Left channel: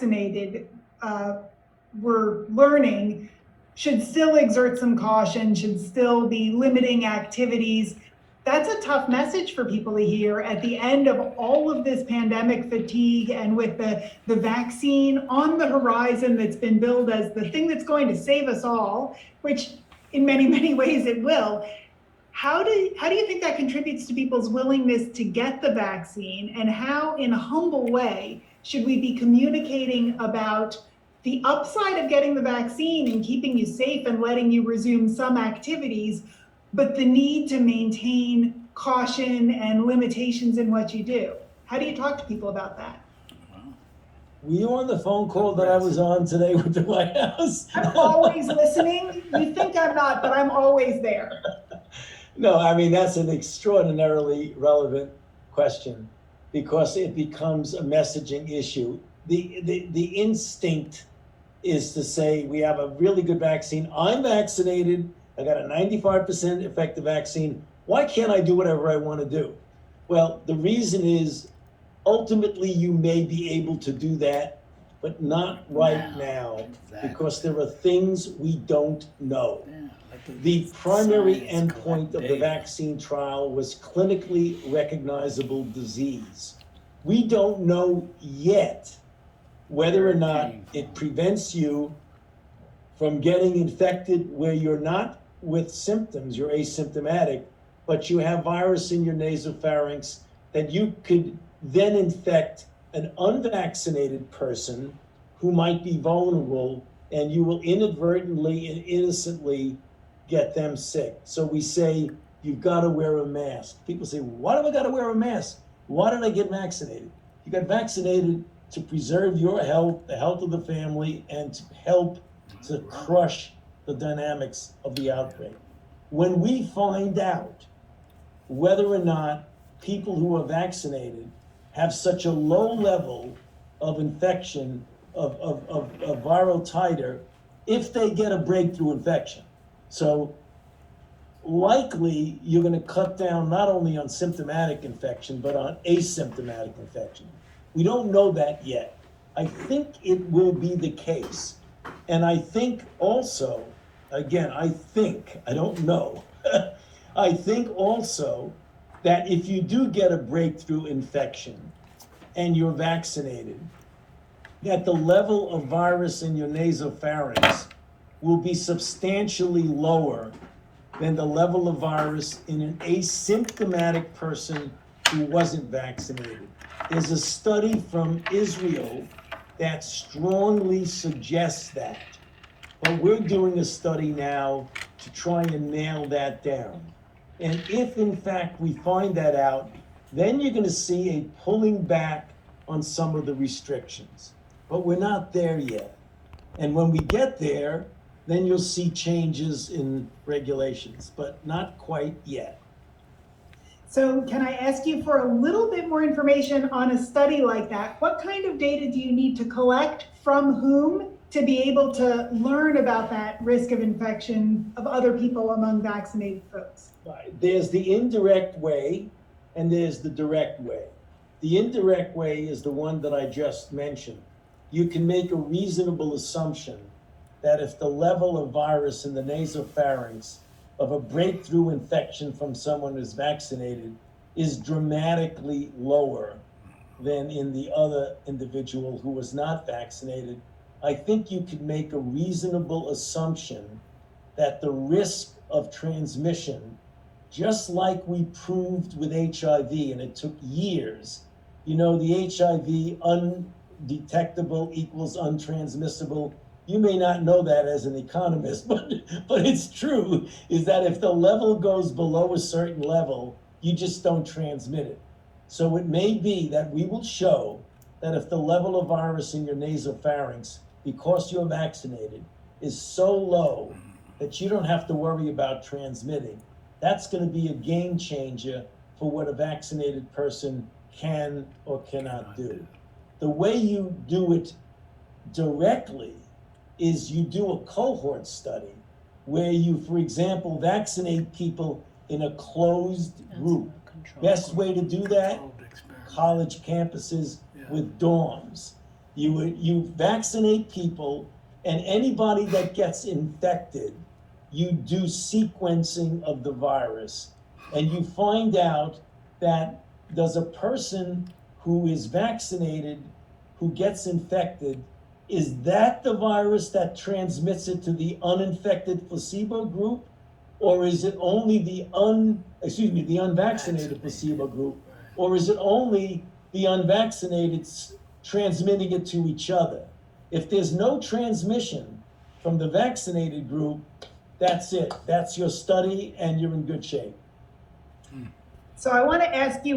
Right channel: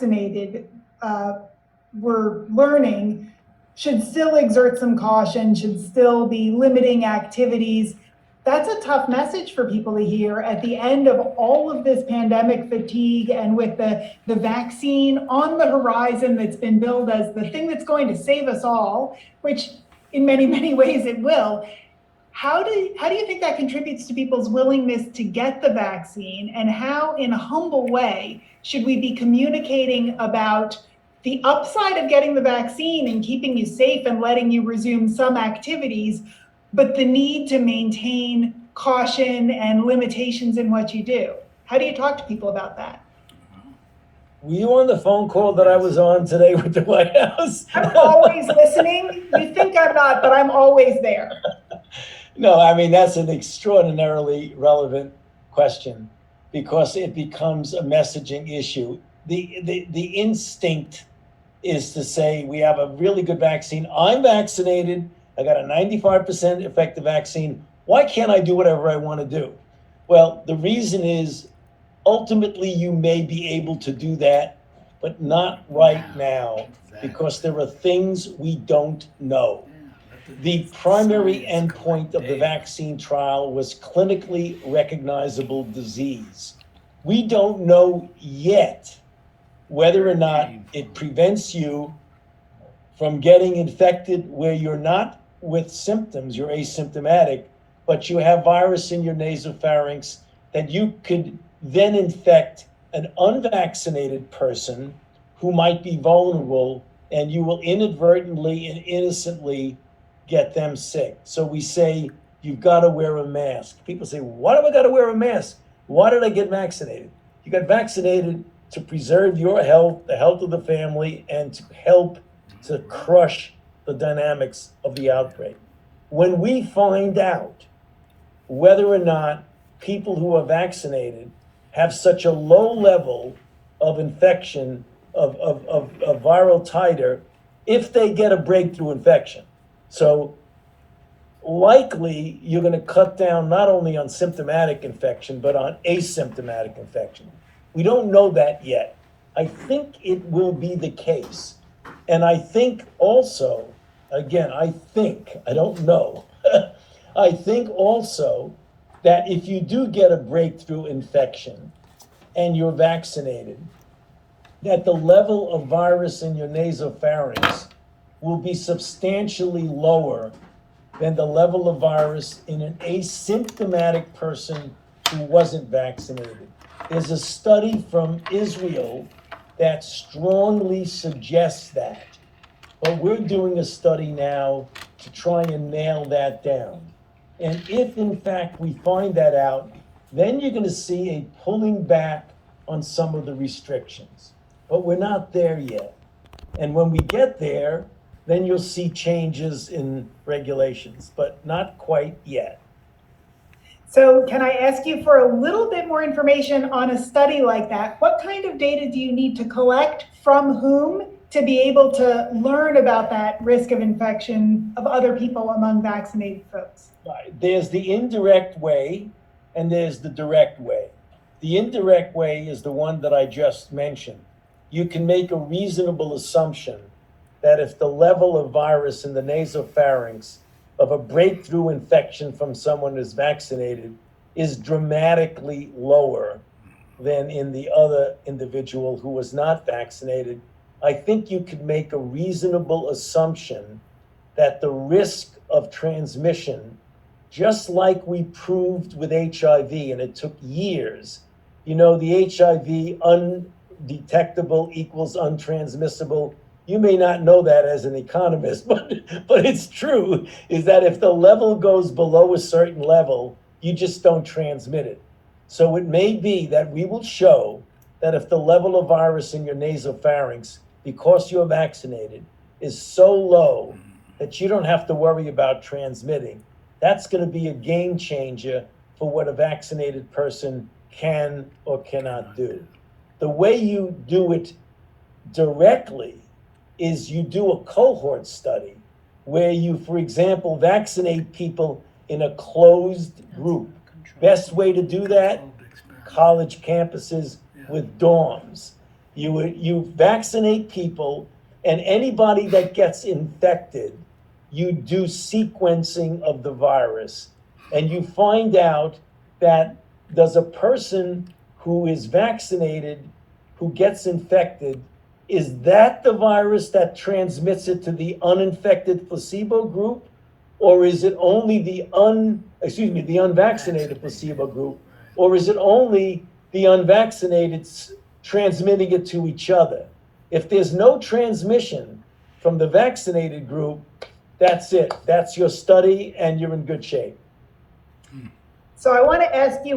vaccinated, we're learning, should still exert some caution, should still be limiting activities. That's a tough message for people to hear at the end of all of this pandemic fatigue, and with the vaccine on the horizon that's been billed as the thing that's going to save us all, which in many, many ways it will. How do you think that contributes to people's willingness to get the vaccine, and how, in a humble way, should we be communicating about the upside of getting the vaccine and keeping you safe and letting you resume some activities, but the need to maintain caution and limitations in what you do? How do you talk to people about that? Were you on the phone call that I was on today with the White House? I'm always listening. You think I'm not, but I'm always there. No, I mean, that's an extraordinarily relevant question, because it becomes a messaging issue. The instinct is to say, we have a really good vaccine. I'm vaccinated. I got a 95% effective vaccine. Why can't I do whatever I want to do? Well, the reason is, ultimately, you may be able to do that, but not right now, because there are things we don't know. The primary endpoint of the vaccine trial was clinically recognizable disease. We don't know yet whether or not it prevents you from getting infected where you're not with symptoms, you're asymptomatic, but you have virus in your nasopharynx that you could then infect an unvaccinated person who might be vulnerable, and you will inadvertently and innocently get them sick. So we say, you've got to wear a mask. People say, why do I got to wear a mask? Why did I get vaccinated? You got vaccinated to preserve your health, the health of the family, and to help to crush the dynamics of the outbreak. When we find out whether or not people who are vaccinated have such a low level of infection, of viral titer, if they get a breakthrough infection. So likely you're going to cut down not only on symptomatic infection, but on asymptomatic infection. We don't know that yet. I think it will be the case. And I think also, again, I don't know. I think also that if you do get a breakthrough infection and you're vaccinated, that the level of virus in your nasopharynx will be substantially lower than the level of virus in an asymptomatic person who wasn't vaccinated. There's a study from Israel that strongly suggests that, but we're doing a study now to try and nail that down. And if in fact we find that out, then you're going to see a pulling back on some of the restrictions. But we're not there yet. And when we get there, then you'll see changes in regulations, but not quite yet. So can I ask you for a little bit more information on a study like that? What kind of data do you need to collect, from whom, to be able to learn about that risk of infection of other people among vaccinated folks? There's the indirect way and there's the direct way. The indirect way is the one that I just mentioned. You can make a reasonable assumption that if the level of virus in the nasopharynx of a breakthrough infection from someone who's vaccinated is dramatically lower than in the other individual who was not vaccinated, I think you could make a reasonable assumption that the risk of transmission, just like we proved with HIV, and it took years, the HIV undetectable equals untransmissible. You may not know that as an economist, but it's true, is that if the level goes below a certain level, you just don't transmit it. So it may be that we will show that if the level of virus in your nasopharynx, because you're vaccinated, is so low that you don't have to worry about transmitting, that's going to be a game changer for what a vaccinated person can or cannot do. The way you do it directly is you do a cohort study where you, for example, vaccinate people in a closed group. Best way to do that, college campuses with dorms. You vaccinate people, and anybody that gets infected, you do sequencing of the virus, and you find out that does a person who is vaccinated, who gets infected, is that the virus that transmits it to the uninfected placebo group? Or is it only the unvaccinated placebo group? Or is it only the unvaccinated transmitting it to each other? If there's no transmission from the vaccinated group, that's it. That's your study, and you're in good shape. So I want to ask you